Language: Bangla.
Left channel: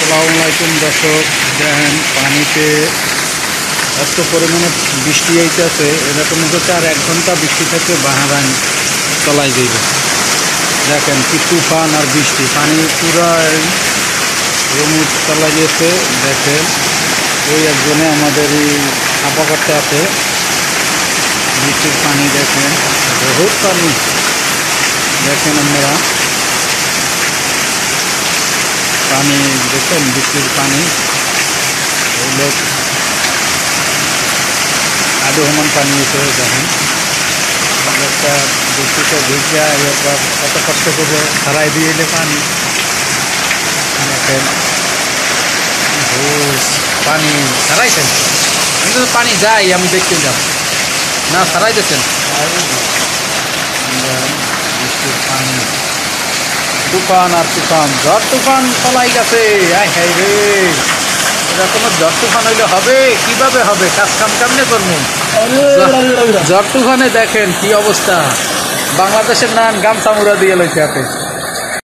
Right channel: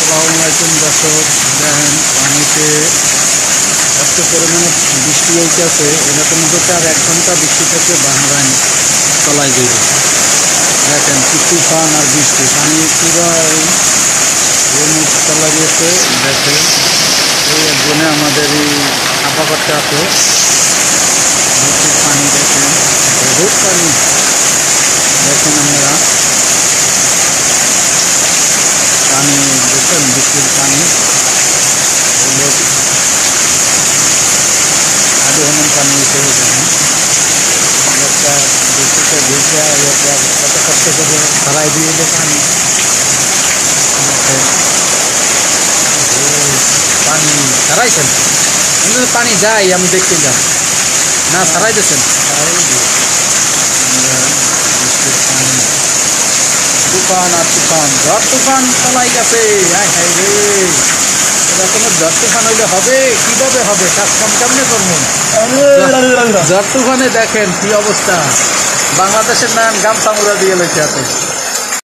আসসালামু আলাইকুম দর্শক, দেখেন পানিতে এত পরিমাণে বৃষ্টি আইতেছে। এরকম হচ্ছে আর 1 ঘন্টা বৃষ্টি থেকে বাহারান চলাই যাইবে। দেখেন কি তুফান আর বৃষ্টি, পানি পুরা রমুদ চলাই গেছে। দেখেন এই একজনে আমাদের এই ছাপা করতে আছে বৃষ্টির পানি। দেখেন বহুত পানি, দেখেন আপনারা পানি দেখেন, বৃষ্টির পানি হলো আদৌ সমান পানি এসে। দেখেন একটা বৃষ্টিতে ভিজা এরপর কত কষ্ট করে ছাড়াই দিয়ে এলে পানি। দেখেন পানি ছাড়াইছেন, পানি যায় আমি দেখতে যাব না, ছাড়াই দিয়েছেন বৃষ্টির পানি। তুফান আর তুফান, ঝড় তুফান চলাই গেছে। হাই রে, এরকম ঝড় তুফান হইলে হবে কিভাবে হবে? কাজ কাম কেমনে করবো? ঝড় তুফানে দেখেন কি অবস্থা, বাংলাদেশের নান গামছা মুড়া দিয়ে লইতে আছে।